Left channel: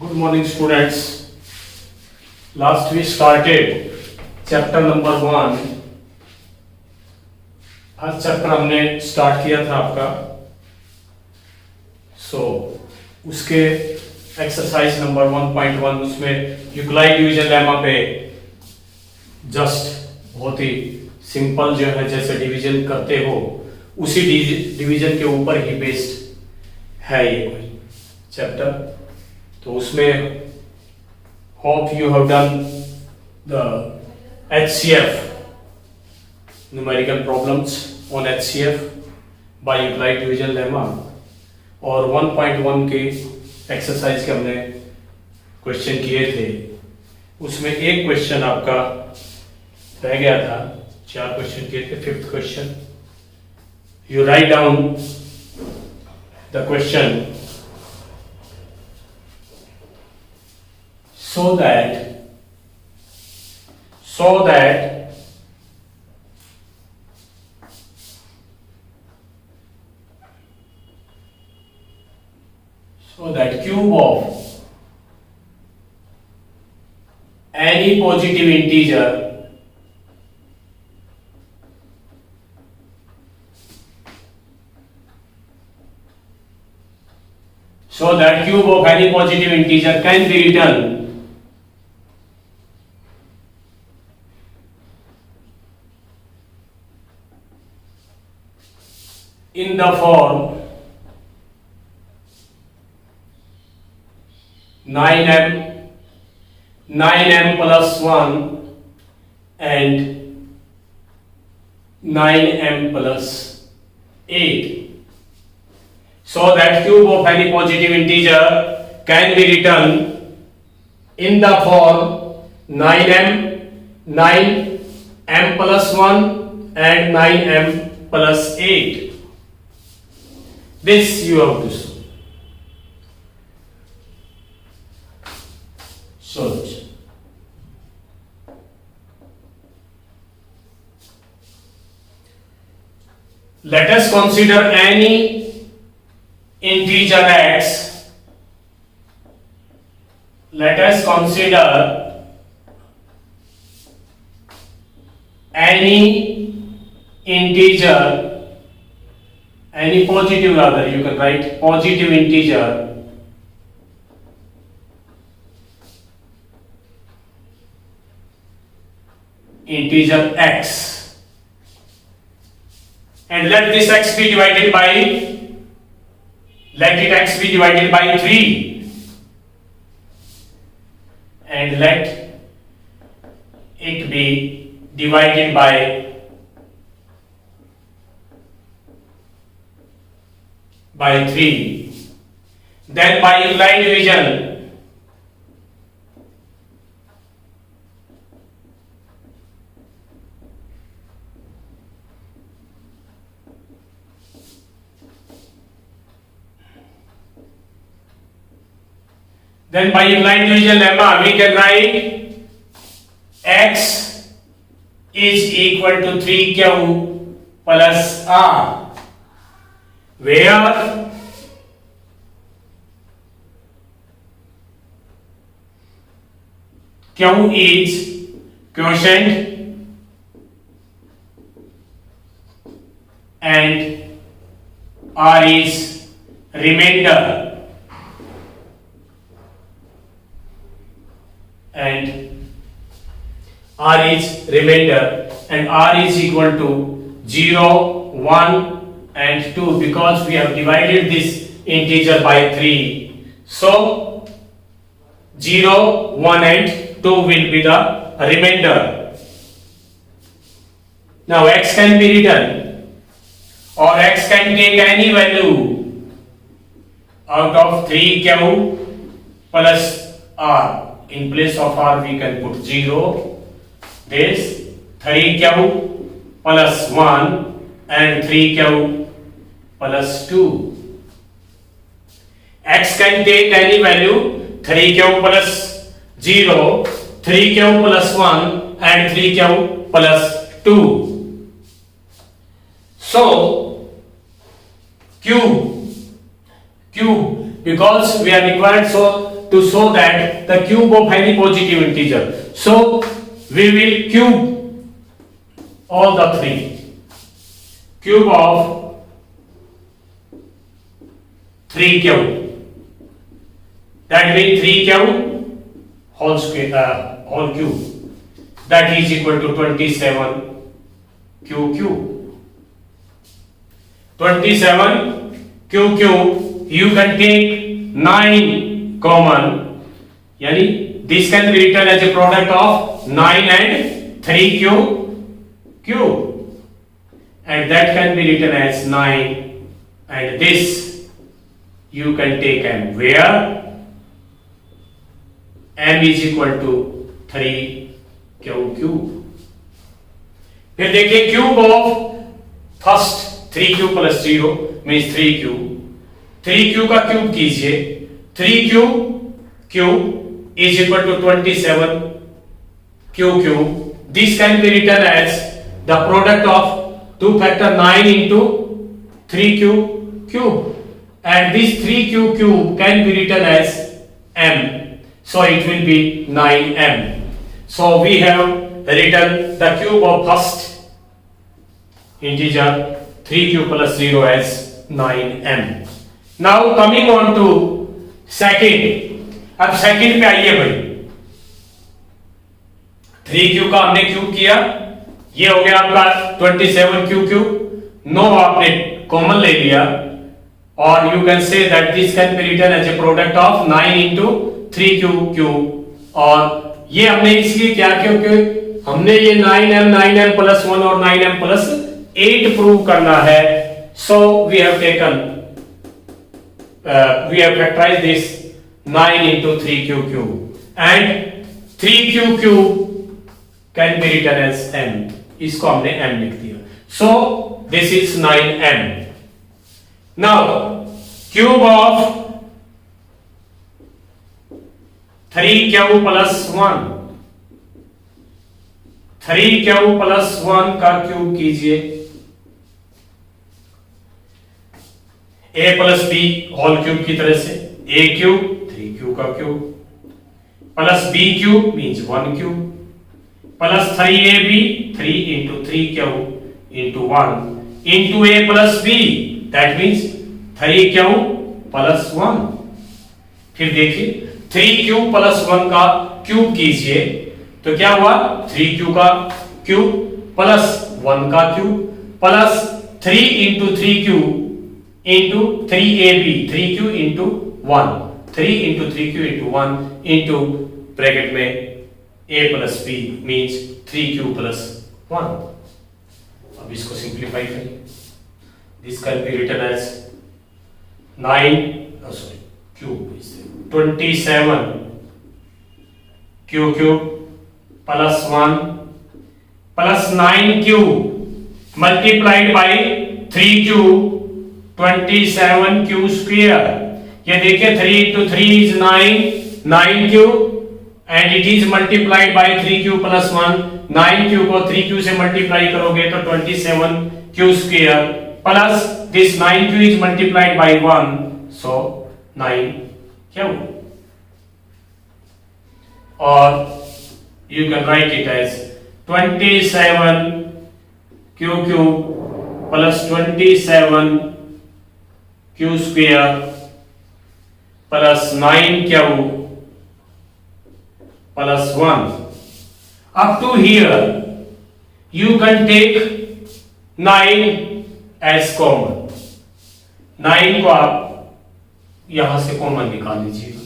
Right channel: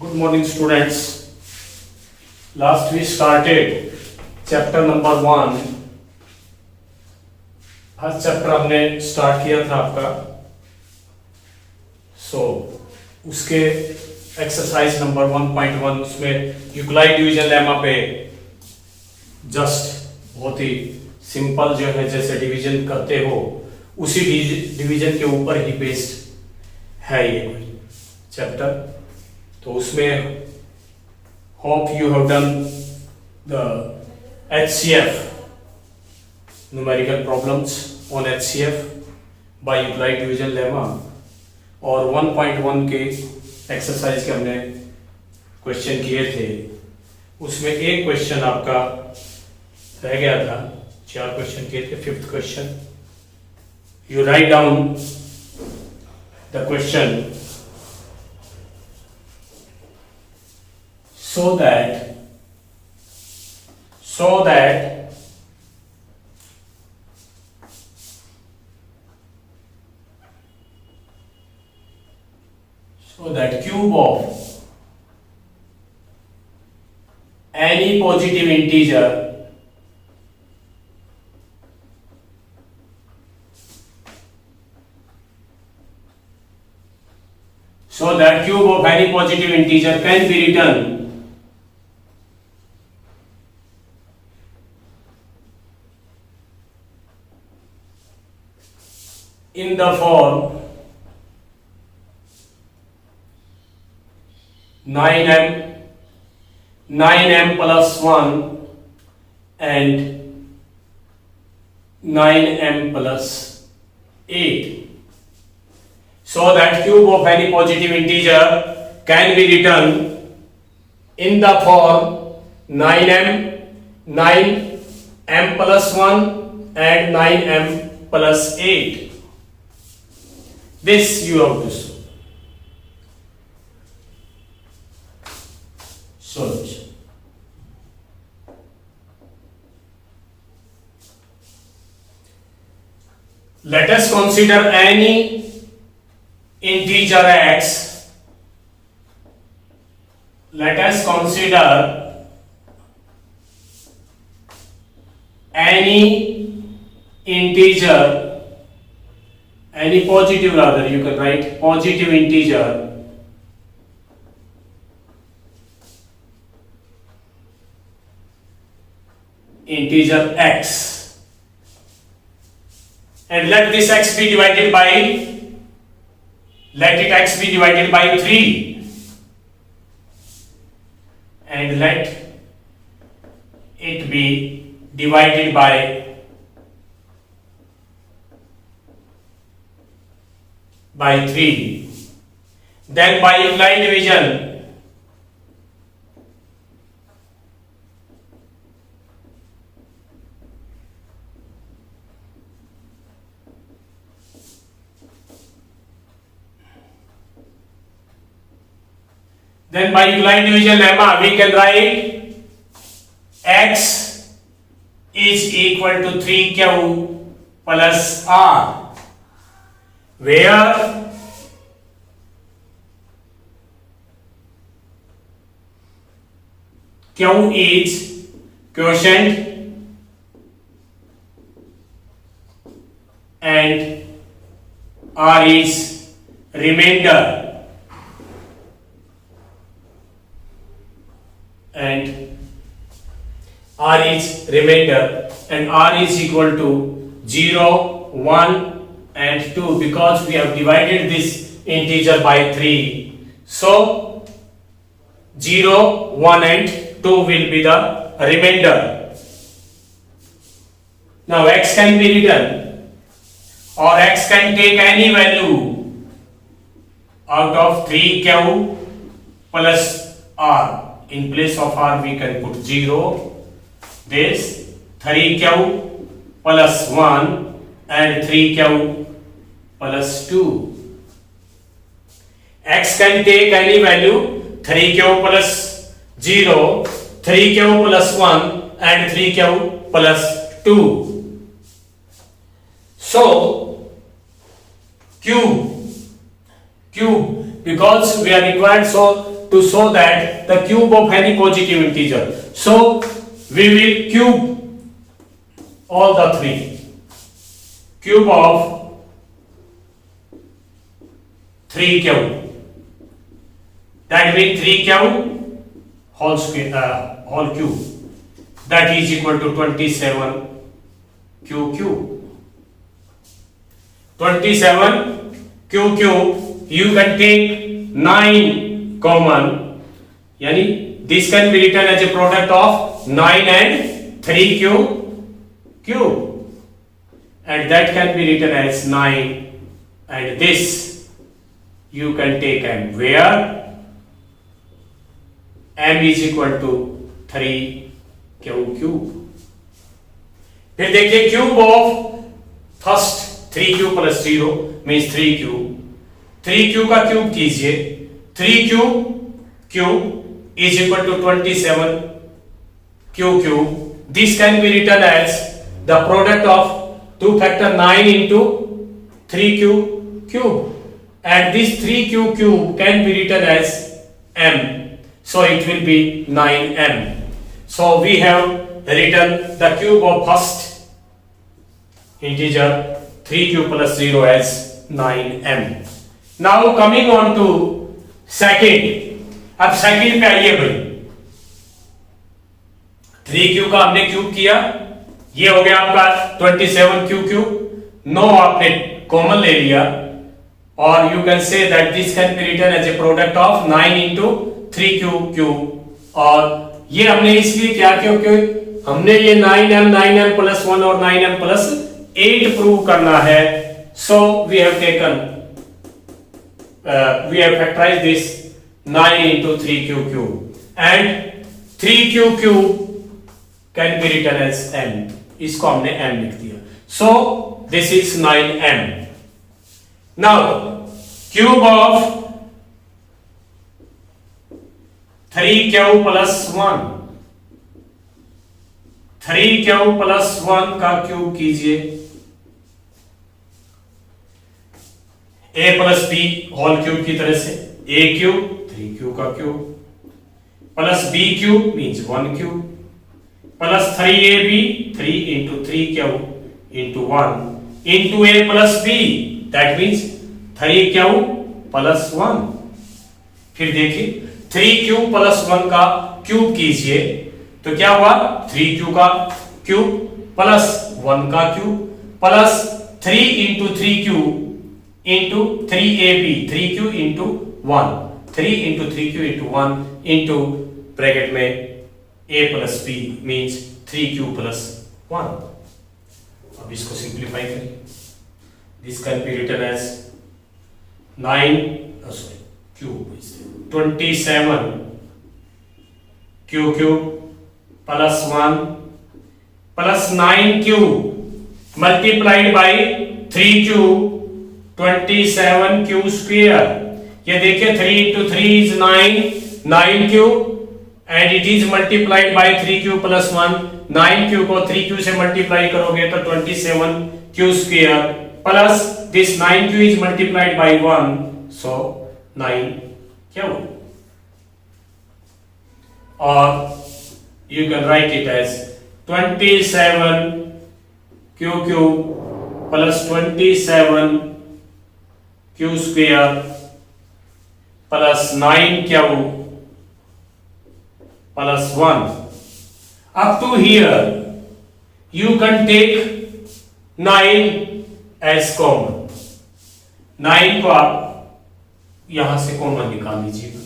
Good morning, students. Last we started chapter number 1. First chapter हमने start किया था आपका. उसके एक्सरसाइज नंबर 1.1 उसमें यूक्लाइड डिवीजन लेमा पे जस्ट बहुत ही सिंपल जो है जैसे डिवीजन करते हो उसी डिवीजन के ऊपर ही बेस्ड है ये कोई चैप्टर. तो उसमें hope you have done the HCF numerical problems on HCF by Euclid division lemma और 1.1 के एक्सरसाइज के हमने क्वेश्चन किए थे. उसमें एक क्वेश्चन आपका रह गया था. 4 क्वेश्चन किए थे. 5th question you write down the question so that cube of any positive integer can be written in the form 9m plus 1 and 9m plus 8. So that cube of any positive integer can be written in the form 9m plus 1 and 9m plus 8. This you have to solve. Solution. Let us consider any integer x. Let us consider any integer, any positive rather, you can write positive integer x, and let this x be divided by, let it x be divided by 3, and let it be divided by 3. Then by Euclid division lemma we can write x is equal to 3q plus r, where q is quotient and r is remainder, and r is equal to 0, 1 and 2, because we have divided this integer by 3. So 0, 1 and 2 will be the remainder. Now x can be written, or x can take any value out of 3q plus r. In place of r we can put 0. This 3q plus 1 and 3q plus 2. X can take any value 3q plus 0, 3q plus 1 and 3q plus 2. So cube because we are required, so to show that the cube of any positive integer. So we will cube all the three. Cube of 3q. That means 3q whole square, whole cube. That is equal to 27q cube. 27q cube. You can take 9 common. Yani this can be written as a product of 9 and 3q cube. And that can be written as 9, and this you can take m, where m is equal to 3q cube. फिर देखिए cube of first 3q plus 0 means 3q. 3q का cube कीजिए. 3q cube is equal to 27q cube. This can be written as the product of 2 factor 9 into 3q cube, and this 3q cube can be written as m, so it will be 9m. So we have written the cube of first integer 3q plus 0 as 9m. Now coming on to second. अब second पे आइए भाई. 3q का हमने cube किया, ये हो गया आपका 27q क्यूब. नो आपने कॉमन ले लिया, और you can say that this can be written as a product of 9 into 3q cube. और ये हमने इसलिए क्या, क्योंकि हमने ये 9m प्लस 1 और 9m प्लस 8 प्रूव करना है. So we have taken we have factorized this 9 into 3q cube, and 3q cube can be written as m. इसको हमने m लिख दिया. So this is 9m. Now cube of 3q plus 1. 3q plus 1 का cube कीजिए. a plus b whole cube की तरह से a cube 3q का cube plus b cube means 1 cube plus 3ab 3 into 3q into 1 into a plus b, that means 3q plus 1. फिर देखिए 3q plus 1 का cube कीजिए तो क्या हुआ, 3q का क्यूब प्लस 1 का cube plus 3 into 3q into 3ab 3q into 1 3 into 3q into 1 into bracket में a plus b means 3q plus 1. अब इसको सिंप्लीफाई करें. This can be written as 27 q cube plus 1 plus 9q multiplied by 3q 27q square. ये देखिए 3 into 3 is 9q and it is multiplied by 3q plus 1. 9q को 3q से multiply करोगे तो 27q square plus this 9q is multiplied by 1, so 9q. और you can write it as 27q cube plus 27q square plus 9q plus 1. Up to here you can take 9 as common. 9 को आप यहां से common निकाल लीजिएगा.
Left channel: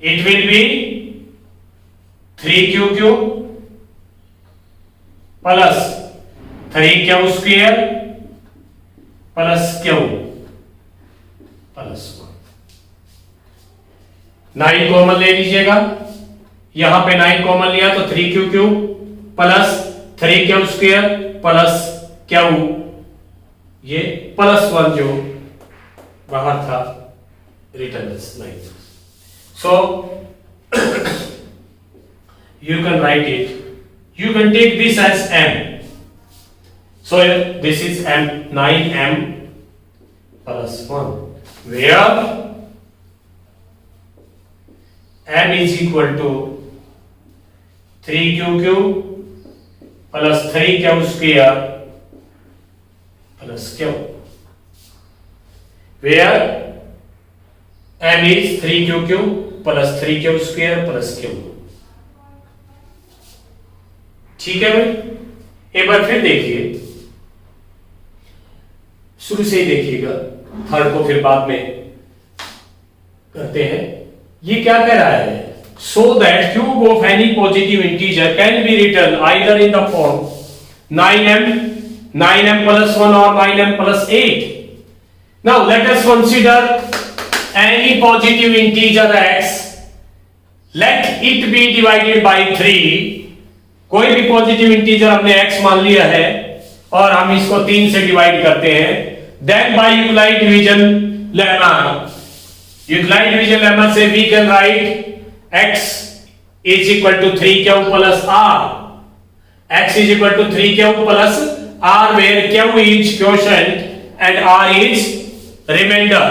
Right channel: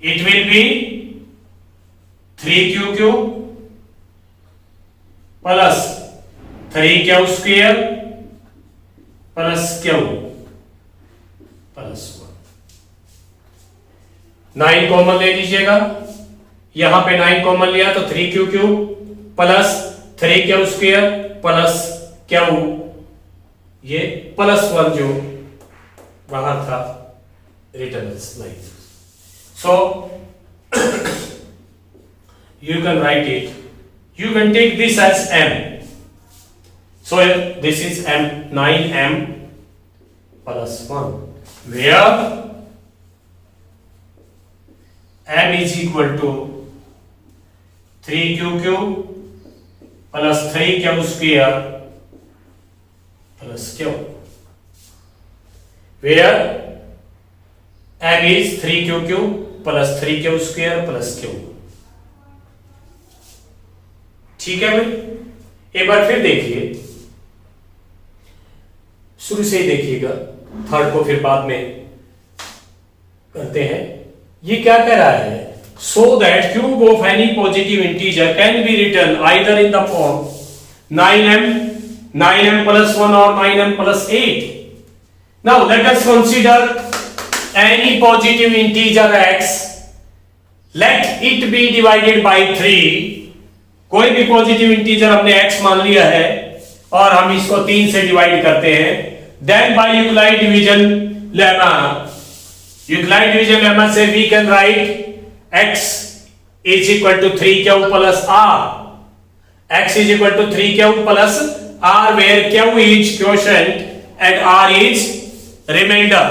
It will be 3q cube plus 3q square plus q plus 1. 9 common ले लीजिएगा. यहां पे 9 कॉमन लिया तो 3q cube plus 3q square plus q, ये प्लस 1 जो बाहर था written as 9. So you can write it, you can take this as m. So this is m, 9m plus 1, where m is equal to 3qq plus 3q square plus q, where m is 3qq plus 3q square plus q। ठीक है भाई, एक बार फिर देखिए, शुरू से ही देखिएगा, third को फिर बाद में करते हैं। ये क्या कह रहा है? So that cube of any positive integer can be written either in the form 9m plus 1 or 9m plus 8। now let us consider any positive integer x, let it be divided by 3। कोई भी positive integer हमने x मान लिया है और हम इसको 3 से डिवाइड करते हैं, then by Euclid division lemma, Euclid division lemma से we can write x is equal to 3q plus r, x is equal to 3q plus r, where q is quotient and r is remainder।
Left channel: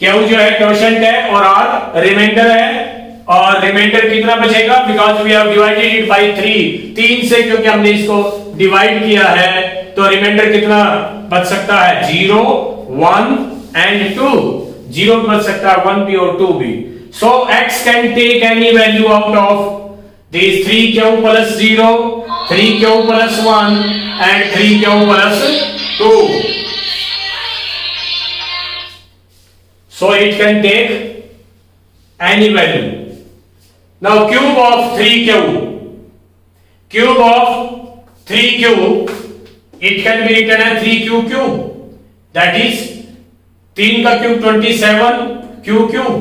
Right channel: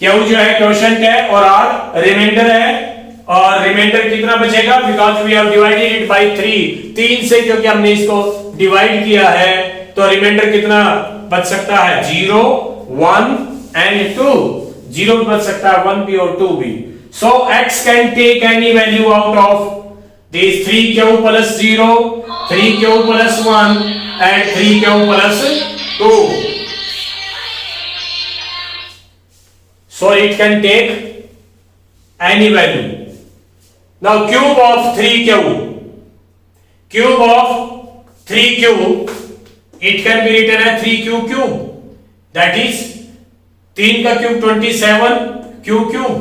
q जो है quotient है और r reminder है, और remainder कितना बचेगा? Because we have divided it by 3, 3 से क्योंकि हमने इसको डिवाइड किया है तो रिमाइंडर कितना बच सकता है? 0, 1 and 2। 0 बच सकता है, 1 भी और 2 भी। so x can take any value out of these 3q plus 0, 3q plus 1 and 3q plus 2। so it can take any value। now cube of 3q, cube of 3q, it can be written as 3q cube, that is 3 का cube 27 q cube,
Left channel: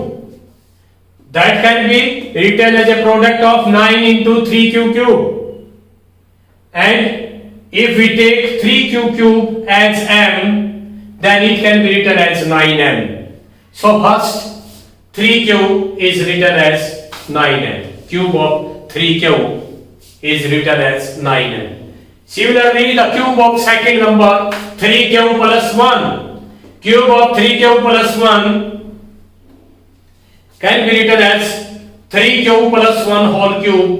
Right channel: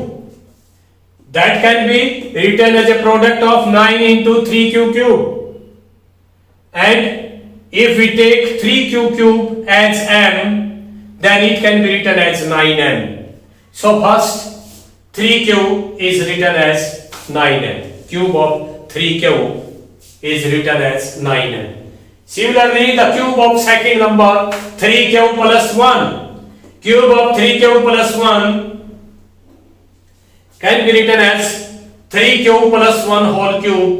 that can be written as a product of 9 into 3q cube, and if we take 3q cube as m, then it can be written as 9m। so first 3q is written as 9m, cube of 3q is written as 9m। similarly the cube of second number 3q plus 1, cube of 3q plus 1 can be written as 3q plus 1 whole cube।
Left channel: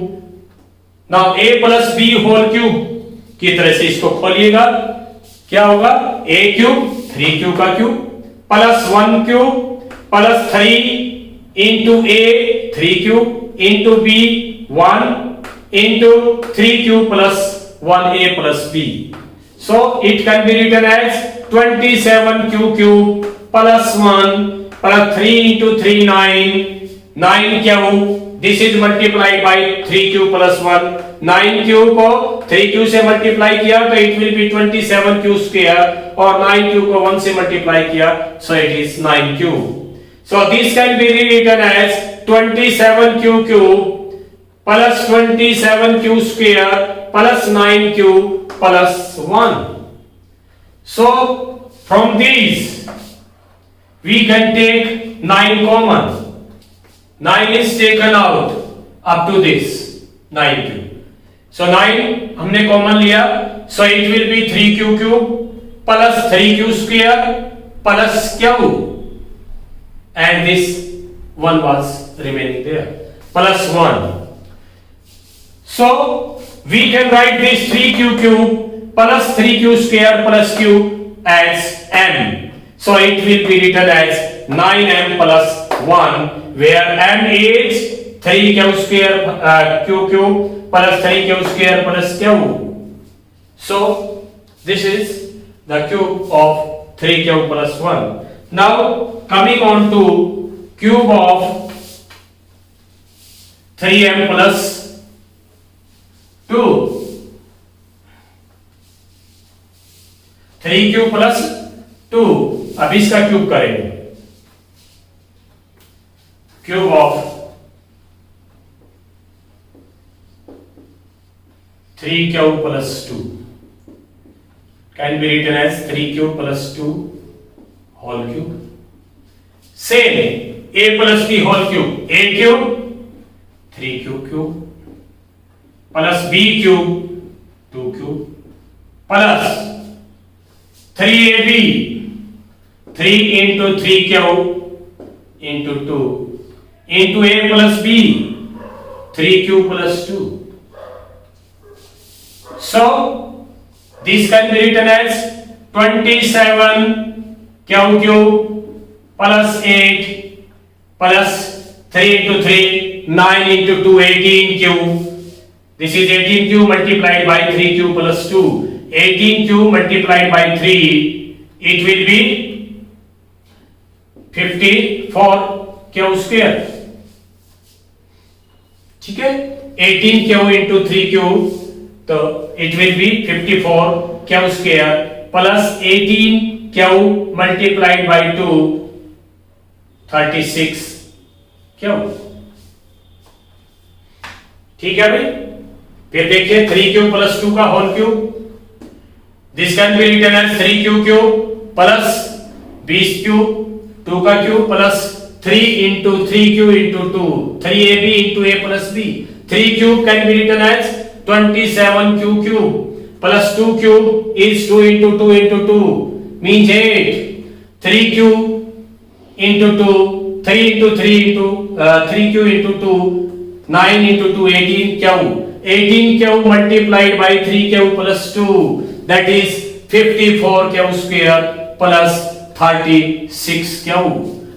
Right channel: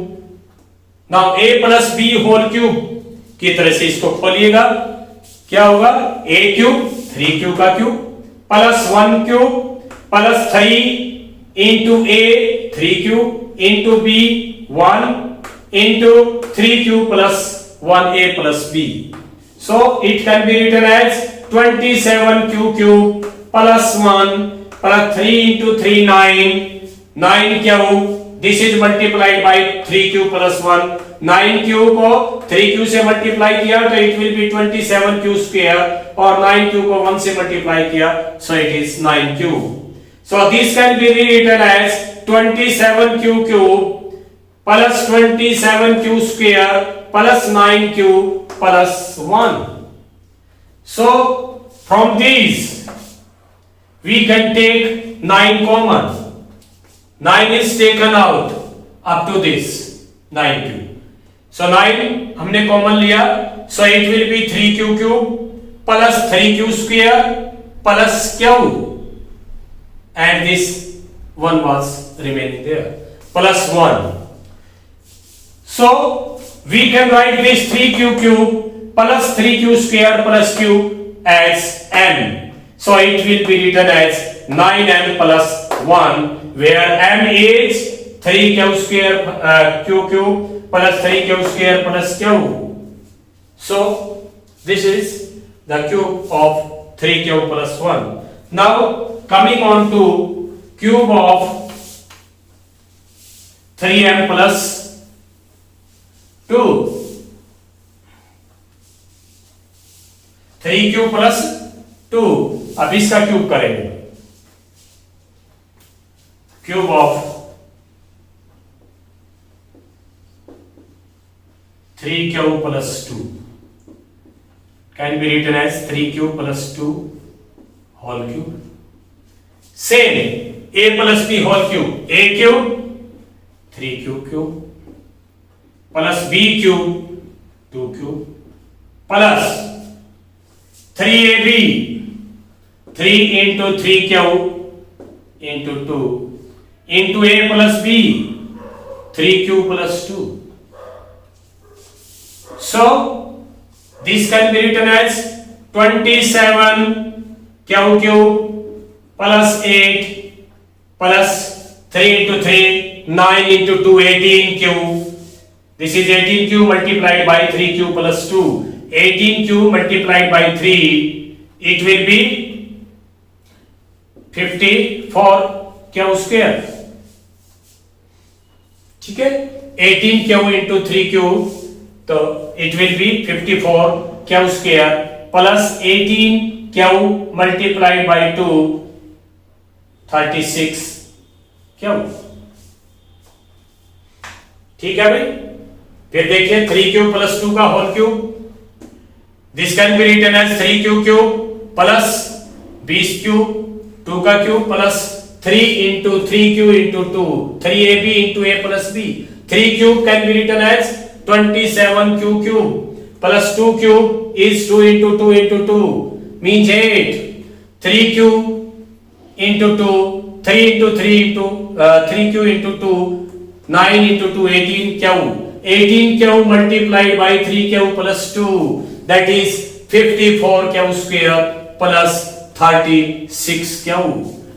now a plus b whole cube की तरह से इसको खोलिएगा, क्या होगा? a cube 3q का cube plus 1 cube plus 3 into a 3 cube into b 1 into 3q plus 1a plus b। so it can be written as 27q cube plus 1 plus 3 into 3 9q, this is multiplied by 3q plus 1, 9q को 3q से multiply किया तो it will be 27q square, और 9q को 1 से multiply किया so it is 9q। so this can be rewritten as 27q cube plus 27q square plus 9q plus 1। so from these we can take 9 common, 9 is taken out up to this 9q, so 9 हमने common लिया, so it will be 3q cube plus 3q square plus q, and this one was remaining there plus 1। so we can write this 3q cube plus 3q square plus q as m, so it will be written as 9m plus 1, where m is 3q square q cube plus 3q square plus q। so this is the cube of 3q plus 1। now coming on to cube of 3m plus 2, 3q plus 2, अब इसका cube करेंगे, cube of 3q plus 2 can be written as 3q plus 2 whole cube। same a plus b whole cube, a cube 3q cube plus b cube 2 cube plus 3ab 3 into 3q into 2 into a plus b, 3q plus 2. So this can be written as 27q plus 8 plus 3 into 3, 9 into 2, 18q. This is 18q multiplied by 3q plus 2. 18q multiplied by 3, it will be 54q square. ठीक है, 18q into 3q, तो it will be 54q square plus 18q multiplied by 2, 36q. ठीक है भाई, फिर देखिए 3q plus 2 का whole cube. This can be written as 3q cube plus 20 cube, 2 का cube plus 3 into 3q into 2, 3ab into a plus b. 3 cube can be written as 27q cube plus 2 cube is 2 into 2 into 2 means 8. 3 cube into 2, 3 into 3 into 3q into 2, 9 into 2, 18q. 18q multiplied by 3q plus 2, that is 54q square plus 36q.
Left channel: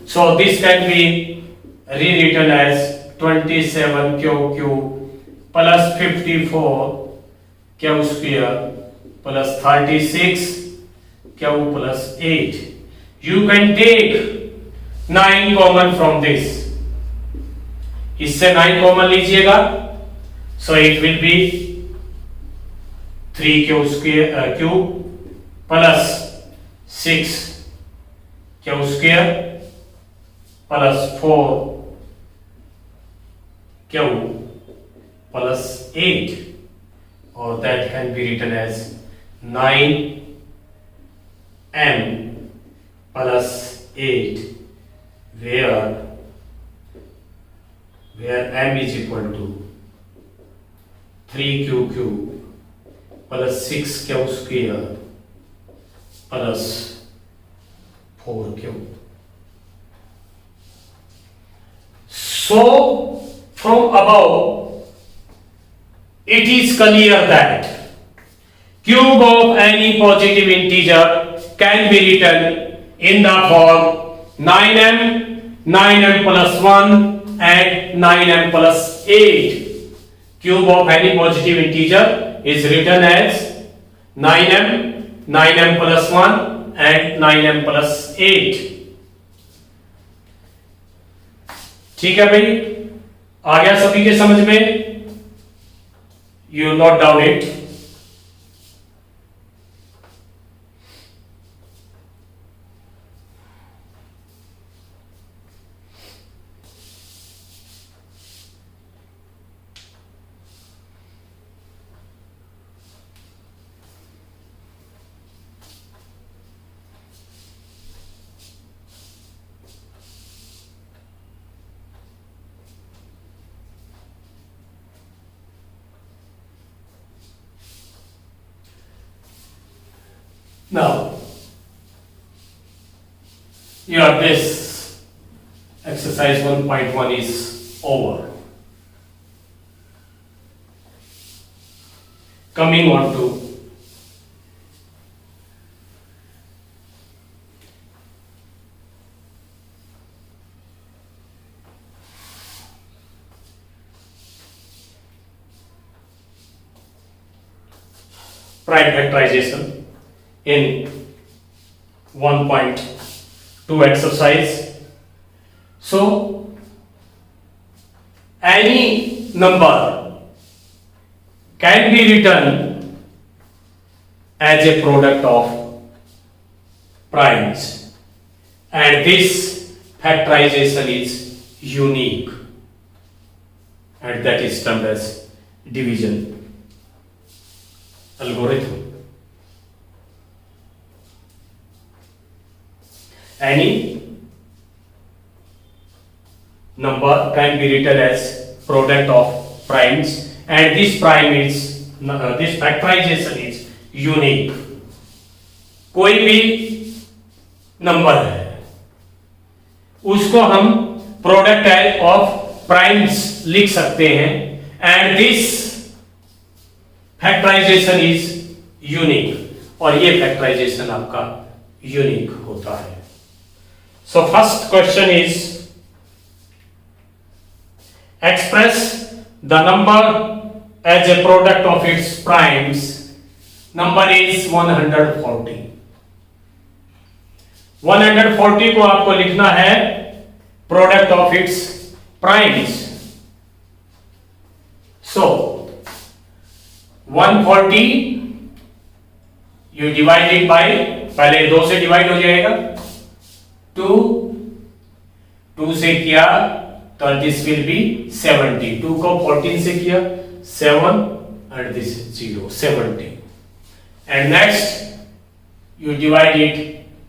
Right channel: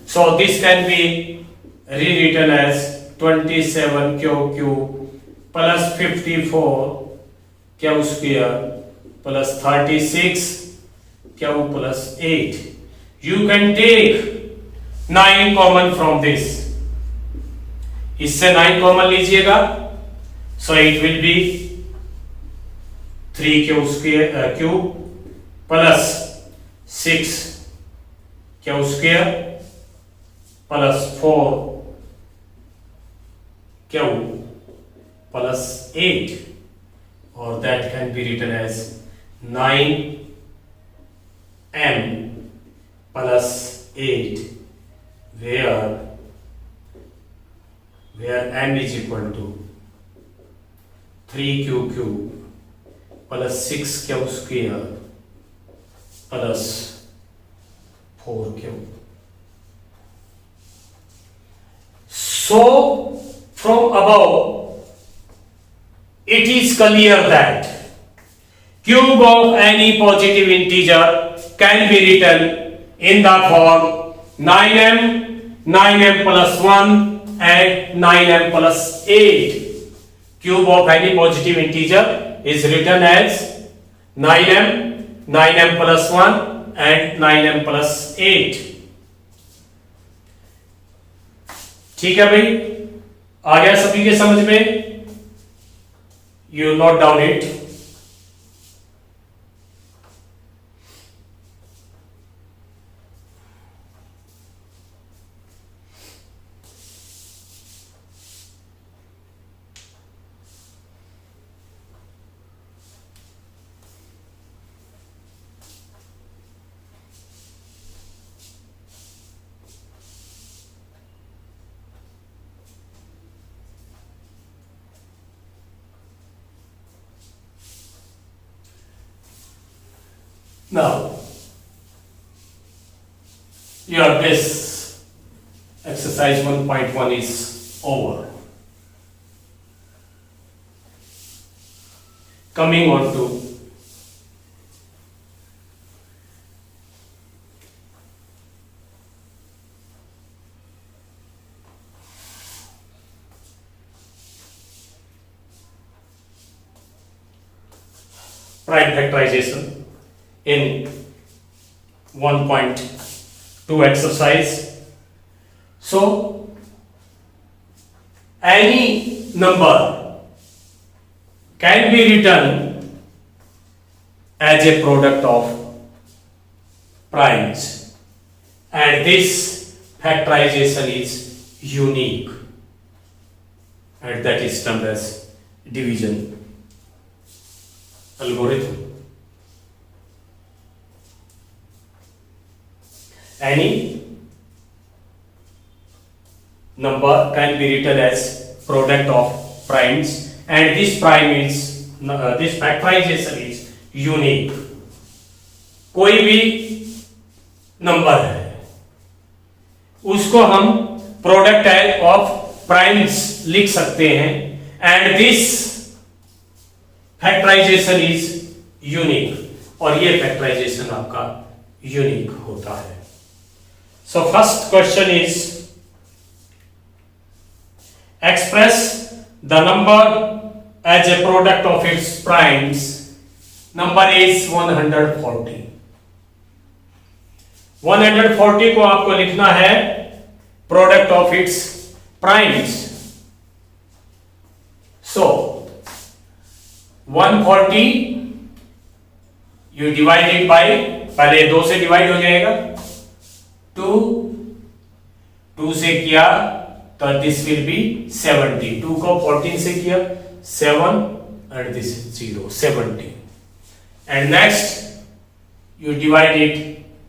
So this can be rewritten as 27q cube plus 54q square plus 36q plus 8. You can take 9 common from this. इससे 9 common लीजिएगा, so it will be 3q square cube plus 6q square plus 4q plus 8, or that can be written as 9m plus 8, where m is equal to 3q cube plus 6q square plus 4q. So from above it is clear that cube of any positive integer can be written in the form 9m, 9m plus 1 and 9m plus 8. Cube of any positive integer is written as 9m, 9m plus 1 and 9m plus 8. ठीक है भाई, आ गया सभी के समझ में? You note down it. Now, here this exercise 1.1 is over. Coming on to prime factorization in 1.2 exercise. So any number can be written as a product of primes, and this factorization is unique, and that is termed as division algorithm. Any number can be written as product of primes, and this prime is this factorization is unique. कोई भी number है उसको हम product है of primes लिख सकते हैं, and this factorization is unique, और ये फैक्टराइजेशन आपका यूनिक होता है. So first question is express the number as a product of its primes. Number is 140. 140 को आपको लिखना है product of its primes. So 140 you divided by, पहले 2 से डिवाइड हो जाएगा, 2 से किया तो दिस विल बी 70. 2 को 14 से किया 7 and this is 0, 70. And next you divide it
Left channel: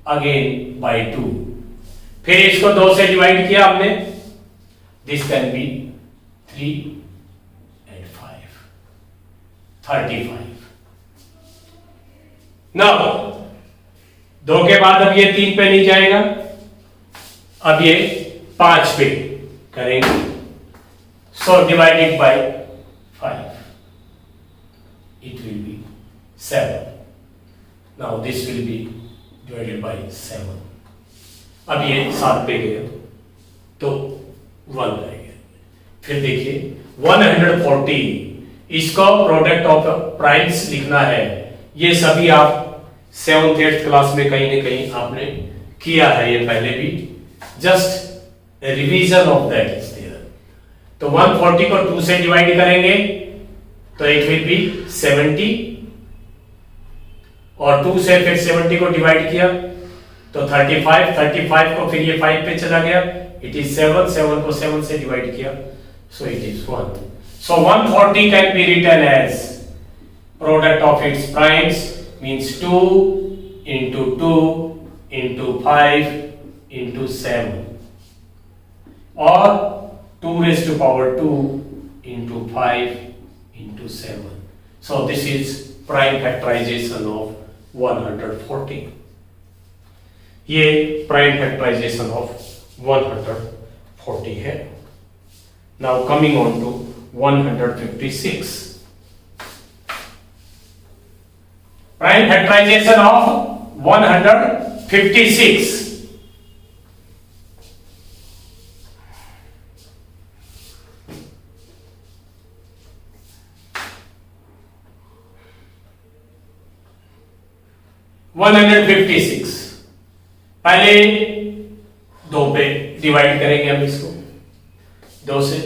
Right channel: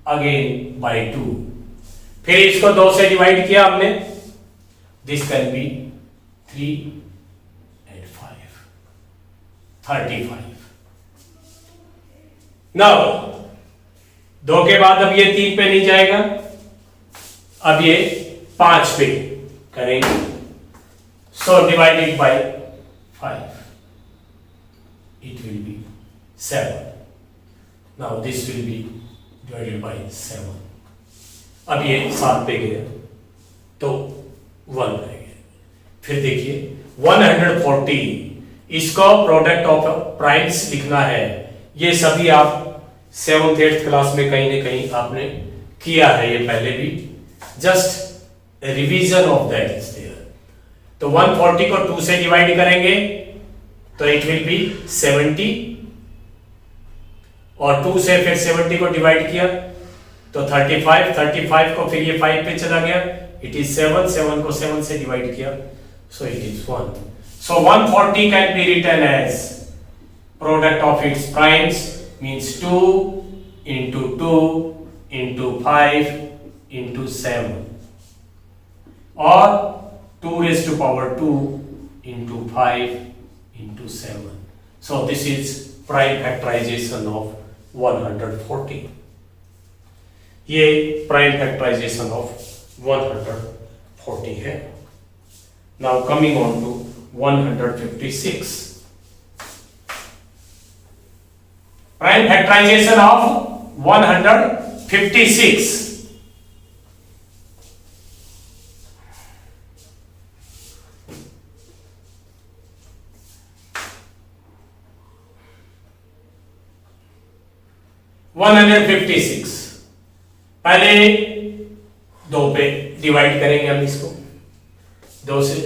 again by 2. फिर इसको 2 से डिवाइड किया आपने, this can be 3 and 5, 35. Now 2 के बाद अब ये 3 पे नहीं जाएगा, अब ये 5 पे करेंगे. So divided by 5, it will be 7. Now this will be divided by 7. अब ये 7 पे गया तो 1 रह गया. फिर देखिए 140, इसको प्रोडक्ट ऑफ प्राइम्स लिखना है. ये सभी आप 7th 8th क्लास में कहीं ना कहीं आपने किया है ये पहले भी, just revision of that is there. तो 140 को 2 से डिवाइड करेंगे तो इट विल बी 70, और 2 से फिर 70 को डिवाइड किया तो 35. 35 को फिर ये 5 पे चला गया, इट इज 7. 7 को 7 से डिवाइड किया, so it is 1. So 140 can be written as product of its primes, means 2 into 2 into 5 into 7, or 2 raised to power 2 into 5 into 7. So this is prime factorization of 140. ये prime factorization of 140 है. Now coming on to 156. Prime factorization of 156. पहले 2 पे divide करेंगे हम इसको, 2 से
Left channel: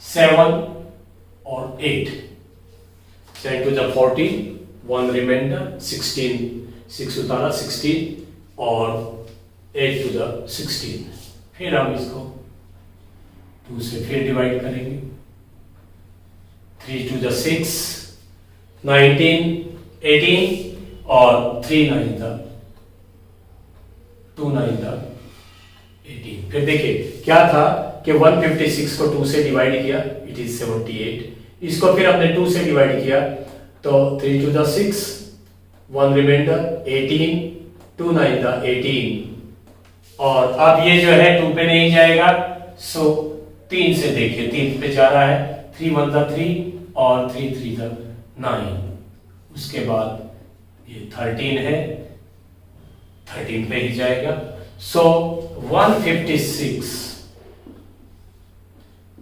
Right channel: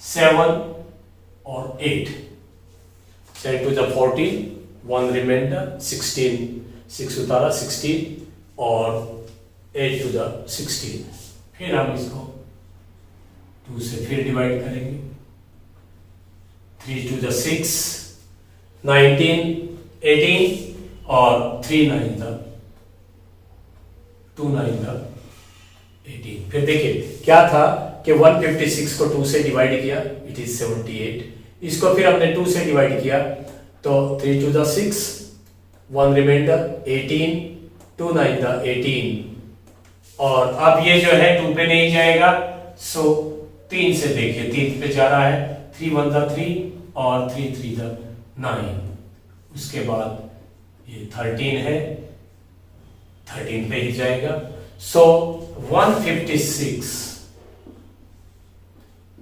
7 और 8, 7 to the 14, 1 remainder, 16, 6 उतारा 16, और 8 to the 16. फिर हम इसको 2 से फिर डिवाइड करेंगे, 3 to the 6, 19, 18, और 3 9 था 2 9 था 18. फिर देखिए क्या था कि 156 को 2 से डिवाइड किया, इट इज 78. इसको फिर हमने 2 से डिवाइड किया तो 3 to the 6, 1 रिमाइंडर 18, 2 9 था 18, और अब ये जो है 2 पे नहीं जाएगा, सो 3 से देखिए 3 पे जा रहा है, 3 1 था 3 और 3 3 था 9. उसके बाद ये 13 है, 13 पे ही जाएगा. सो 156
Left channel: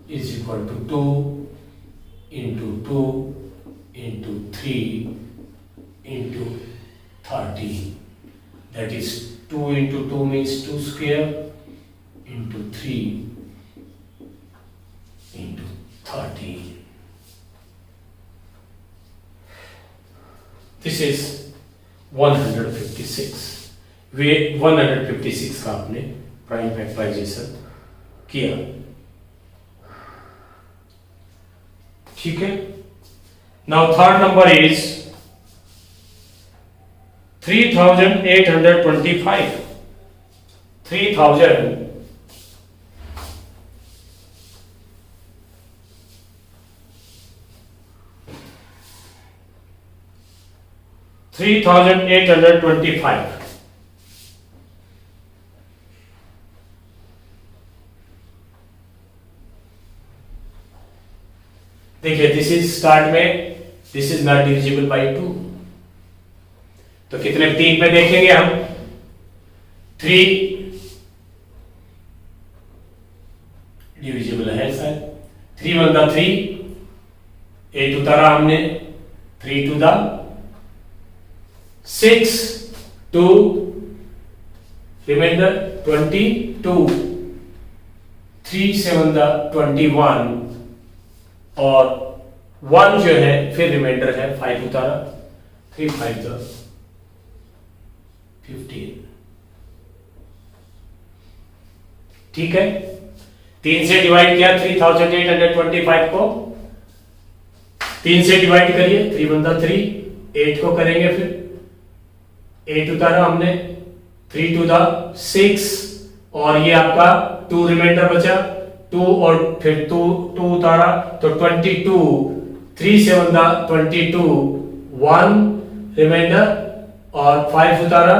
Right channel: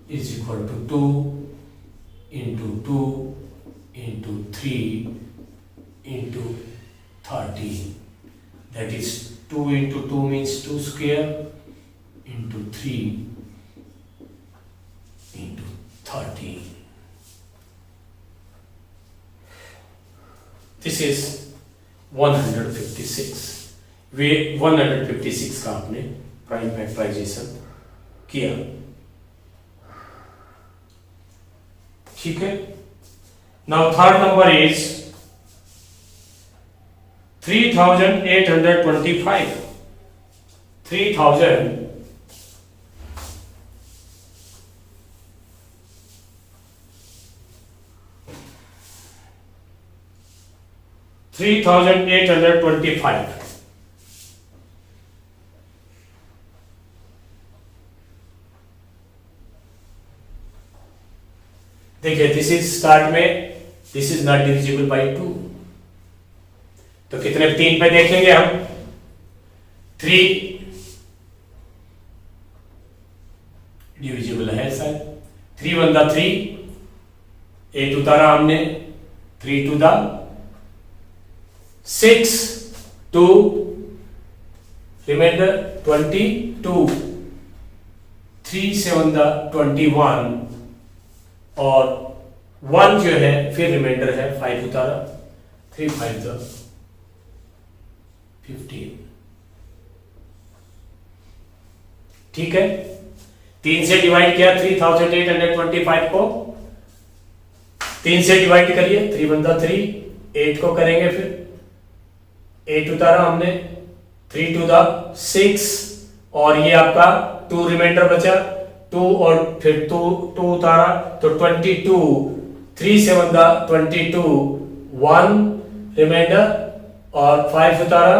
is equal to 2 into 2 into 3 into 13. That is 2 into 2 means 2 square into 3 into 13. This is 156. वे 156 का आपने प्राइम फैक्टराइजेशन किया. ठीक है. Now third number is 3825. 3000 3825. देखिए दिस इज स्टार्ट में, this is not divisible by 2, तो कितने 3 पे देखेंगे हम, 3 डिविजिबल है शायद, 3 1 दा 3, 8 उतारा हमने, 3 2 दा 6, 2 रिमाइंडर 22, 3 7 दा 21 और 1 जो है फिर रिमाइंडर है 5 उतारा, 3 5 दा 15। ठीक है, 3 से डिवाइड किया 3825 को, 3 से डिवाइड करिए, 3 1 दा 3, 8 को करेंगे फिर 8 उतारा हमने, 3 2 दा 6 और ये आपका 2 रिमाइंडर बचा, 2 और फिर 2 उतारा तो 22, 3 7 दा 22, 1 रिमाइंडर और 5 उतारा,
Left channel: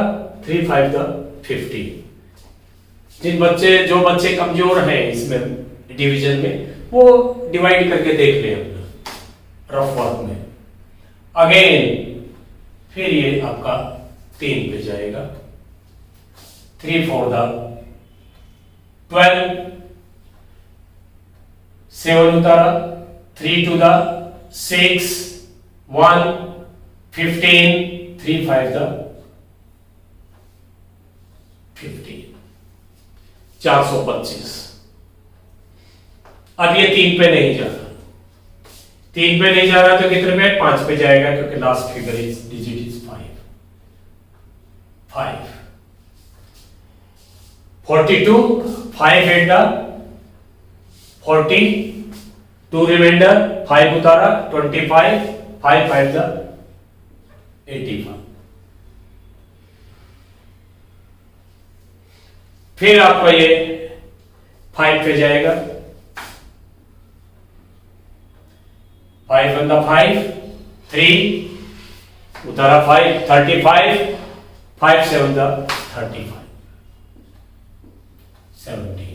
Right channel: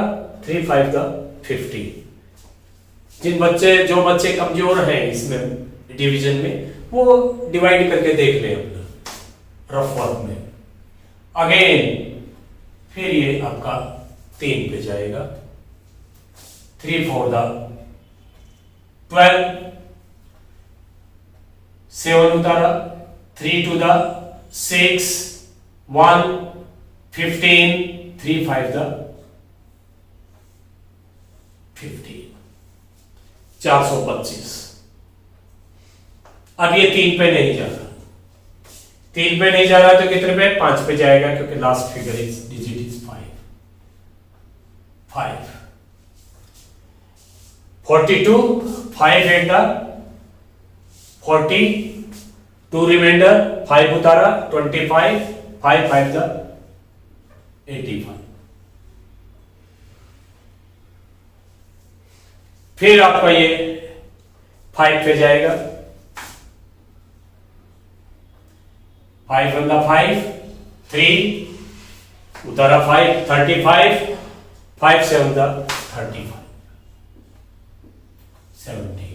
3 5 दा 50। जो बच्चे कमजोर हैं इसमें डिवीजन में, वो डिवाइड करके देख लें अपना रफ वर्क में। अगेन फिर ये आपका 3 पे जाएगा, 3 4 दा 12, 7 उतारा, 3 2 दा 6, 1 15, 3 5 दा 50, 425। अब ये 3 पे नहीं जा रहा, 3 पे नहीं जा रहा तो कितने पे, 5 पे जाएगा, क्योंकि last figure is digit is 5, 42, 5 8 दा 40, 2 रिमाइंडर, 5 उतारा 25, 5 5 दा 85। फिर आपका ये 5 पे जाएगा, 5 1 दा 5, 3 उतारा 5 35, 5 7 दा 35, 70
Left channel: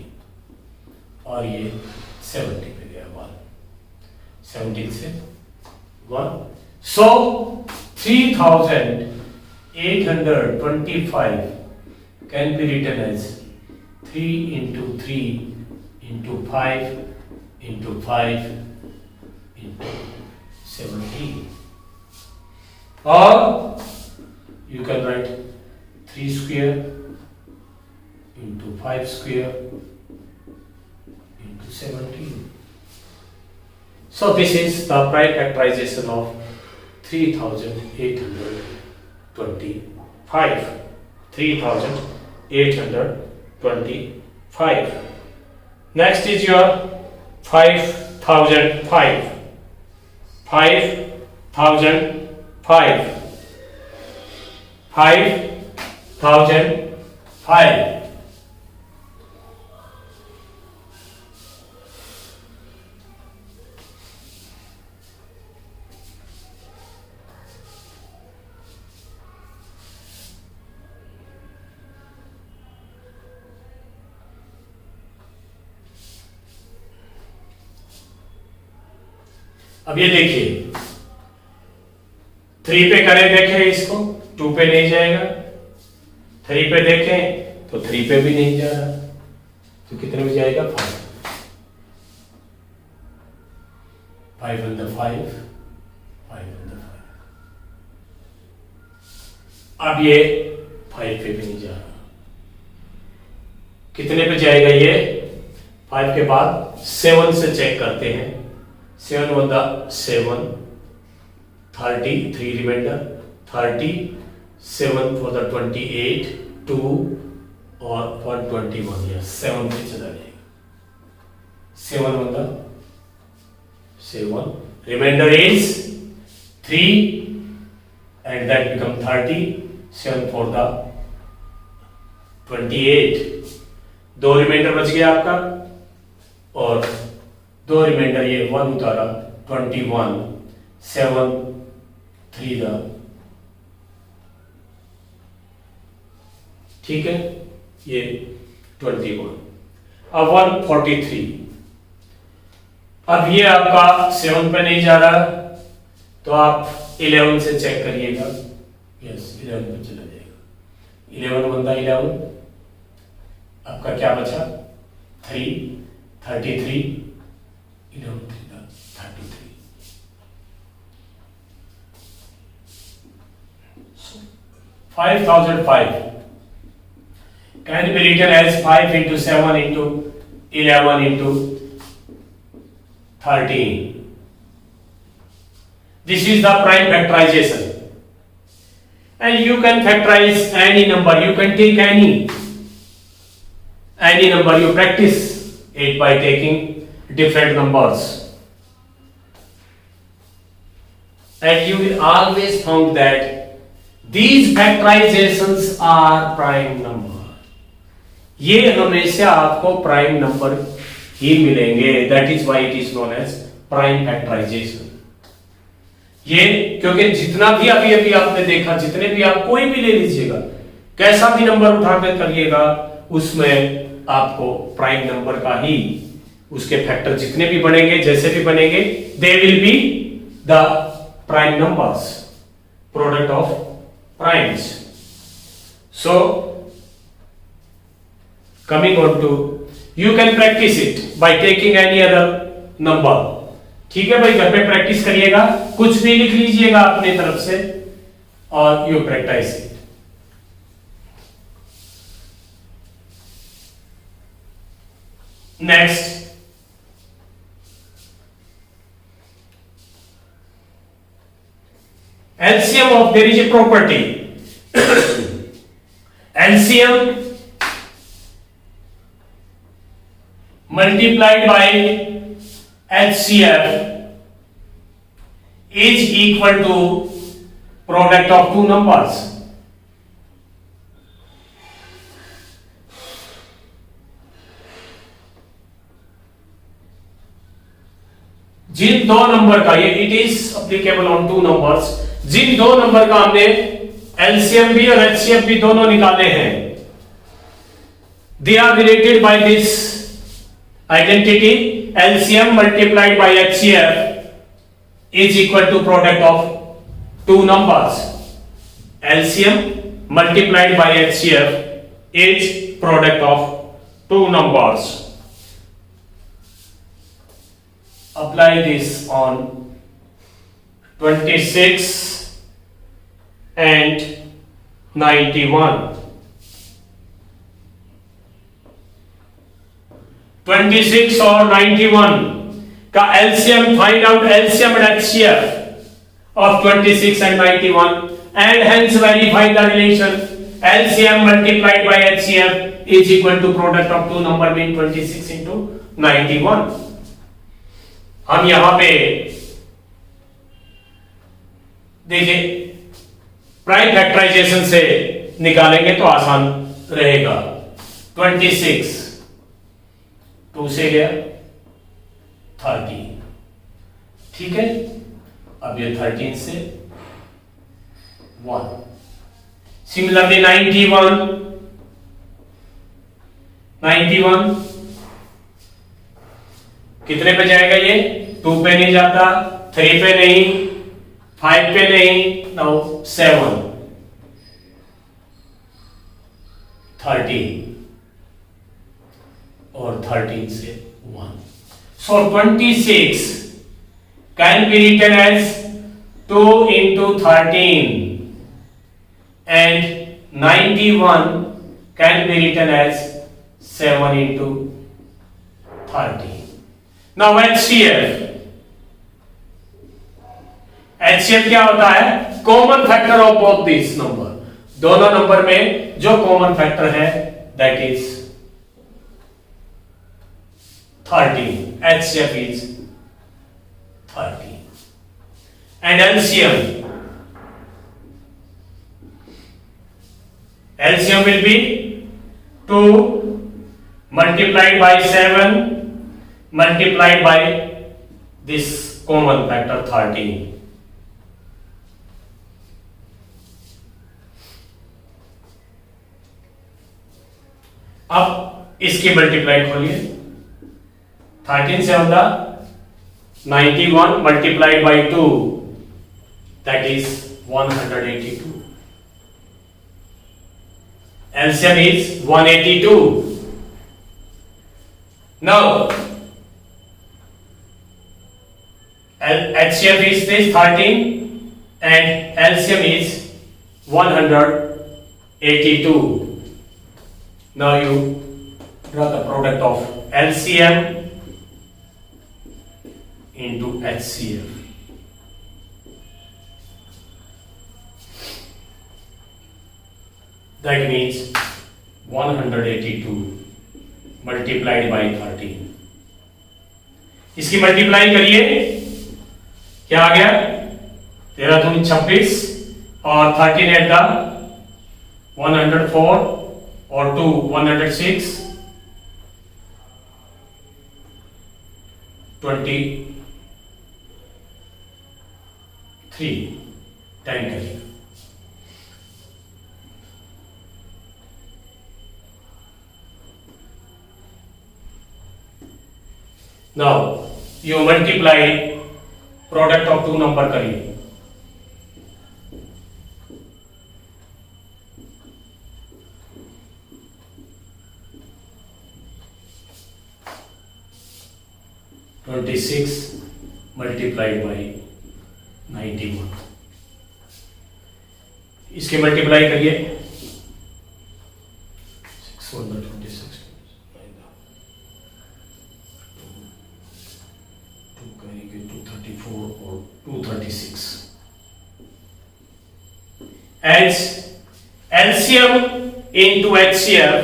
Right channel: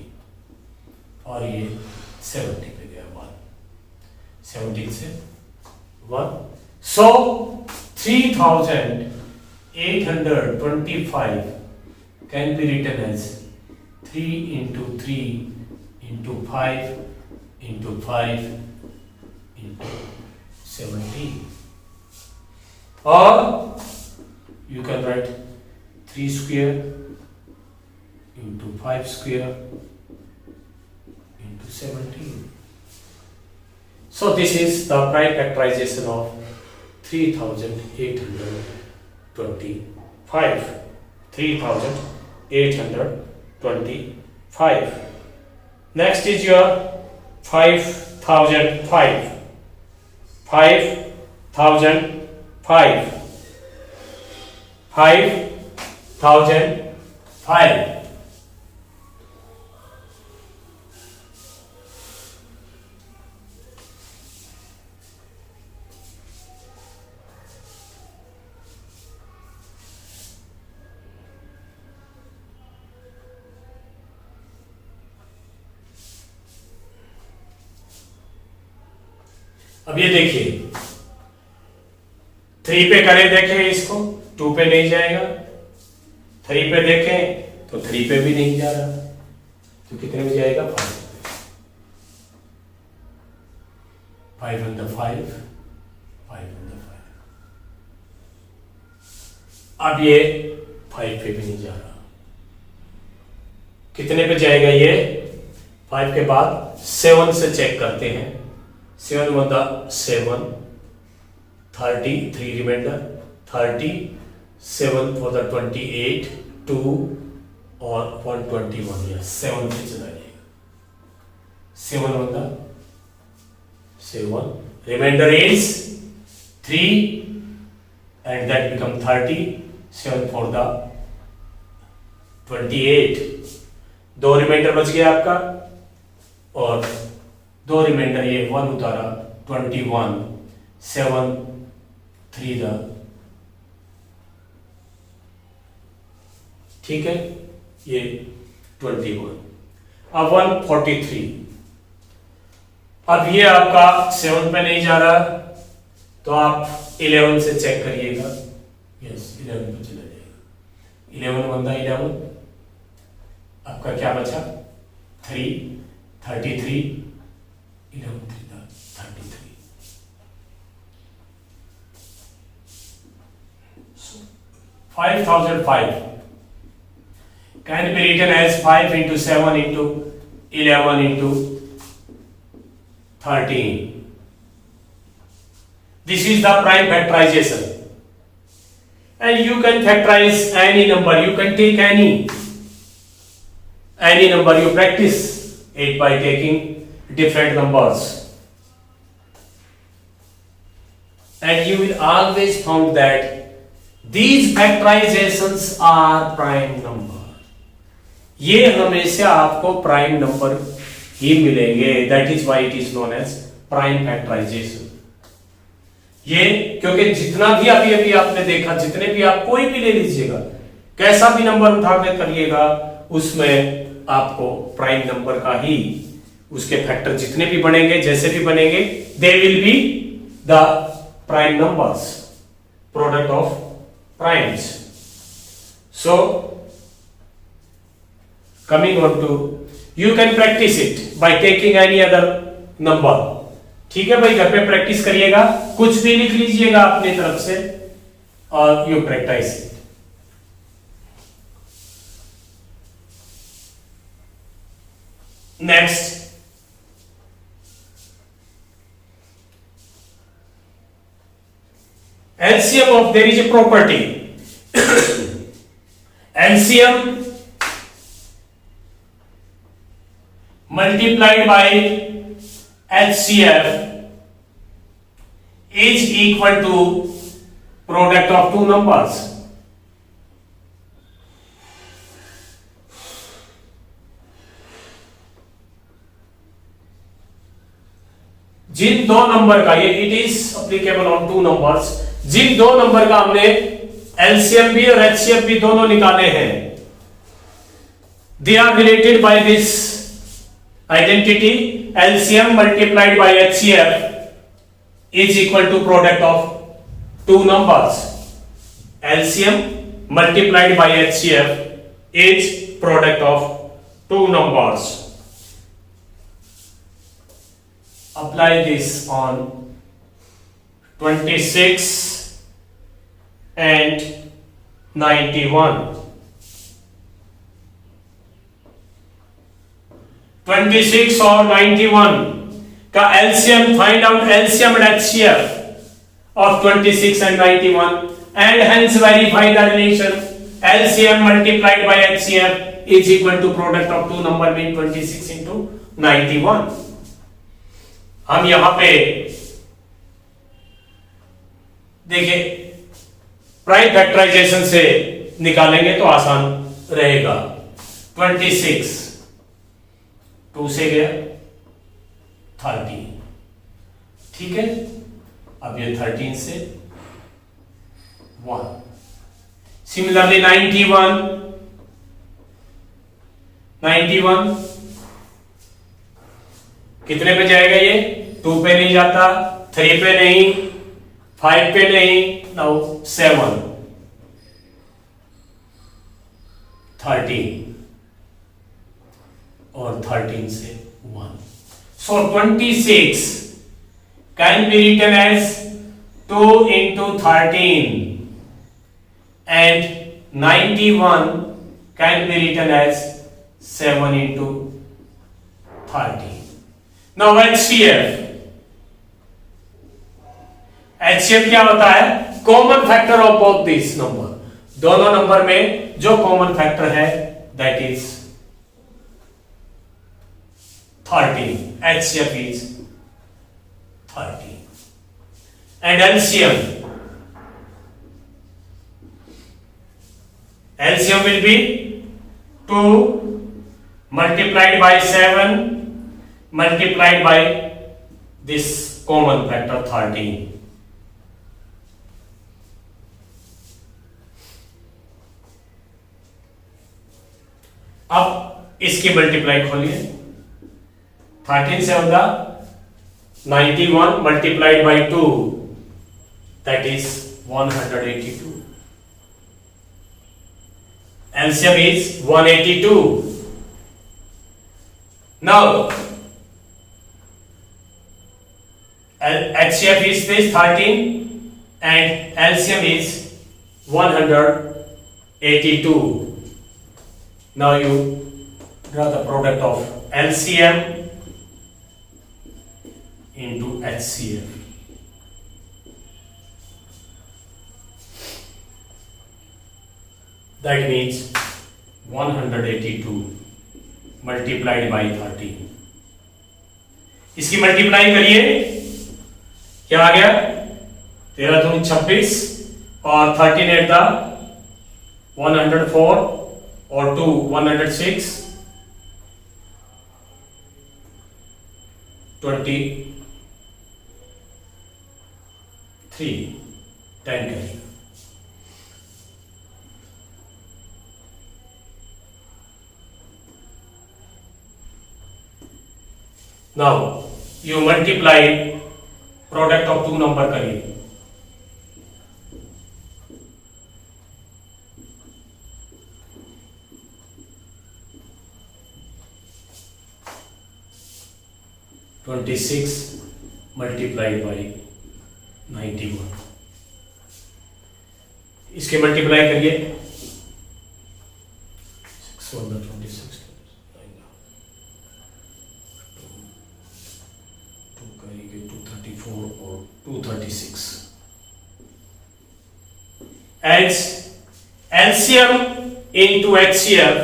और ये 70 पे गया 1, 17 से 1, so 3825 can be written as 3 into 3 into 5 into 5 into 70, or you can write 3 square into 5 square into 17. So this is the prime factorization of 3825. 3825. Next is your 5005. 5005. 5005. अब ये देखिए 3 पे करें, देखें इसको, 2 पे नहीं जाएगा, 3 पे देखें तो 3 पे भी नहीं जा रहा, तो कितने में जाएगा 5, 5 on the 5, 5 on the 5। अब ये 5 पे भी नहीं जा रहा, कितने पे जाएगा ये 5 के बाद 7 से चेक करते हैं, 7 1 दा 7, 30, 3 रिमाइंडर 30, 7 for the 28, 2 और 121, या 7 पे चला जाएगा, 7 1 दा 7, reminder is 3 and that become 30, 7 for the 28, 2 reminder बच गया आपका, और 2 रिमाइंडर ये 1 उतारा 21, 7 3 दा, ठीक है, ये 21। अब 143, अब ये आपका 7 पे नहीं जा रहा, तो आप 11 से चेक करिएगा। यस, 11 पे चला जाएगा। 11 बनता 11, आपका क्या बचा 3, 33, 11 33, 5005 can be written as 5 into 7 into 11 into 13. This is the prime factorization, and you can factorize any number. You can take any number. You practice it by taking different numbers, and you will always find that these factorizations are prime number. ये हमेशा आपको prime number ही मिलेंगे। That is why it is known as prime factorization. ये क्योंकि जितना भी अभी अभी आपने देखा, जितने भी आप कोई भी ले लीजिएगा, कैसा भी नंबर उठा के करिएगा, उसमें आपको प्राइम नंबर का ही उसके फैक्टर जितने भी बनेंगे, जैसे भी बनेंगे, they will be the prime numbers, product of primes. So coming on to, you can practice it by taking any other number. ठीक है भाई, घर पे प्रैक्टिस करिएगा, कुछ भी लिख लीजिएगा अपनी तरफ से और you practice it. Next, LCM of, there is a property LCM multiplied by HCF is equal to product of two numbers. जिन दो नंबर का, ये it is applicable on two numbers, जिन दो नंबर का हमने एलसीएम भी और एचसीएफ भी दोनों निकाले हैं, they are related by this identity. LCM multiplied by HCF is equal to product of two numbers. LCM multiplied by HCF is product of two numbers. Apply this on 26 and 91. 26 और 91 का LCM, find out LCM and HCF of 26 and 91 and hence verify the relation LCM multiplied by HCF is equal to product of two number mean 26 into 91. हम यहां पे देखिए prime factorisation से निकालेंगे तो आसान रहेगा। 26 2 से गया 13, ठीक है। अब ये 13 से 1। सिमिलरली 91 कितने पे जाएगा? ये 2 पे नहीं जाता, 3 पे नहीं, 5 पे नहीं, नाउ 7, 13 और 13 से 1. So 26 can be written as 2 into 13 and 91 can be written as 7 into 13. Now HCF क्या होता है? Common factor of both this number, दोनों नंबर में जो कॉमन फैक्टर है that is 13. HCF is 13 and LCM will be 2 multiplied by 7 multiplied by this common factor 13. अब इसकी multiply खोलिए, 13 से होगा 91 multiplied by 2, that is 182. LCM is 182. Now HCF is this 13 and LCM is 182. Now you draw the product of LCM into HCF. That means 182 multiplied by 13. इसकी multiply करिए, क्या आ गया? 13 दूनी 26 और 13 एट द 104 और 2 106, 23 10 करिए. Now you multiply product of two number करिए. (26) multiplied by 91. इसके मल्टीप्लाई करिए. 626 करेंगे 234 और 236. As LCM into HCF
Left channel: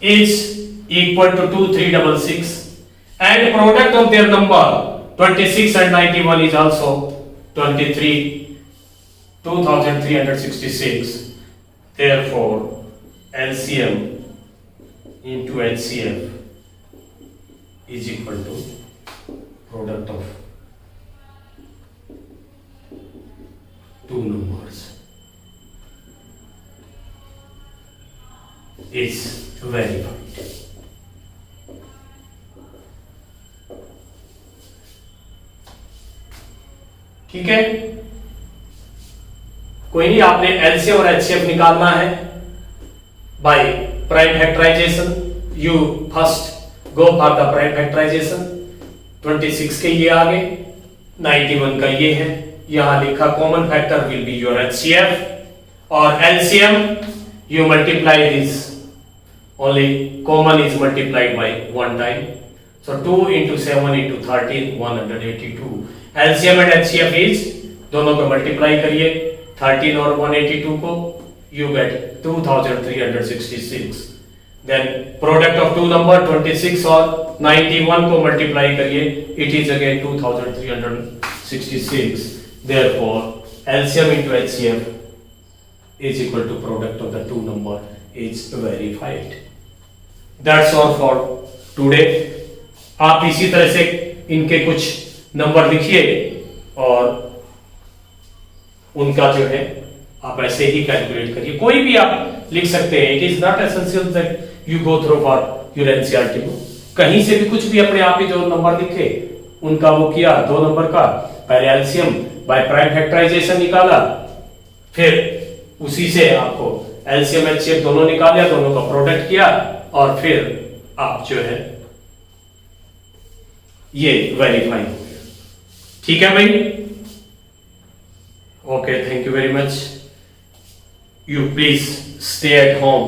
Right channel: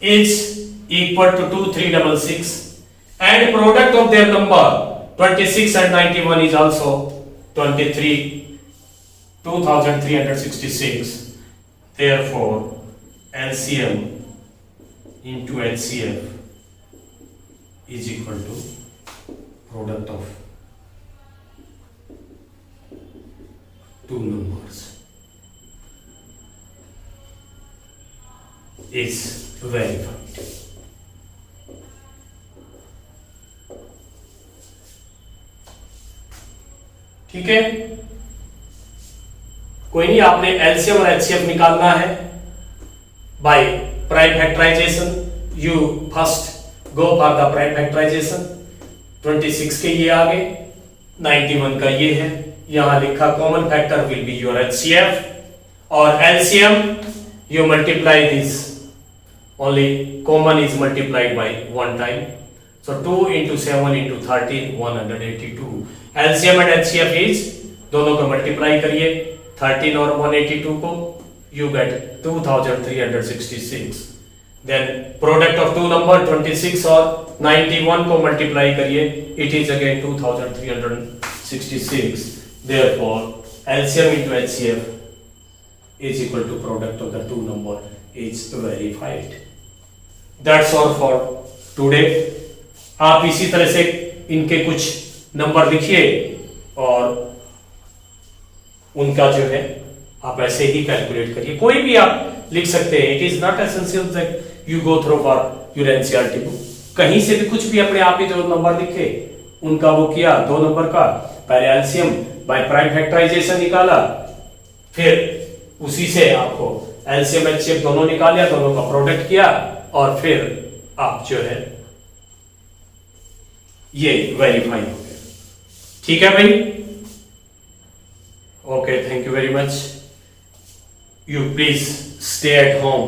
is equal to 2366 and product of their number 26 and 91 is also 2366. Therefore LCM into HCF is equal to product of two numbers is verified. ठीक है, कोई नहीं, आपने LCM और एचसीएफ निकालना है by prime factorization. You first go for the prime factorization. 26 के ये आ गए, 91 का ये है, यहां लिखा common factor will be your HCF और LCM you multiply this, only common is multiplied by one time. So 2 into 7 into 13 182. LCM and HCF is, दोनों को मल्टीप्लाई करिए 13 और 182 को, you get 2366. Then product of two number 26 और 91 को multiply करिए, it is again 2366. Therefore LCM into HCF is equal to product of the two number is verified. That's all for today. आप इसी तरह से इनके कुछ नंबर लिखिए और उनका जो है आप ऐसे ही कैलकुलेट करिए. कोई भी आप लिख सकते हैं. It is not essential that you go through for your NCERT book. कहीं से भी कुछ भी अपने आप ही जो नंबर लिखे उनका वो किया, दो नंबर का पहले एलसीएम बाय प्राइम फैक्टराइजेशन निकाला, फिर उसी से आपको एलसीएम एचसीएफ दोनों निकाले, दोनों का प्रोडक्ट किया और फिर आप जो है ये वेरीफाई हो गया. ठीक है भाई, okay, thank you very much. You please stay at home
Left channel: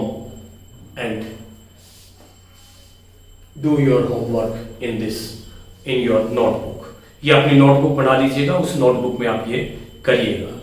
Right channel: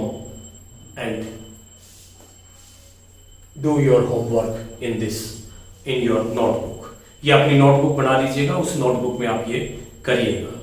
and do your homework in your notebook. ये अपनी नोटबुक बना लीजिएगा, उस नोटबुक में आप ये करिएगा.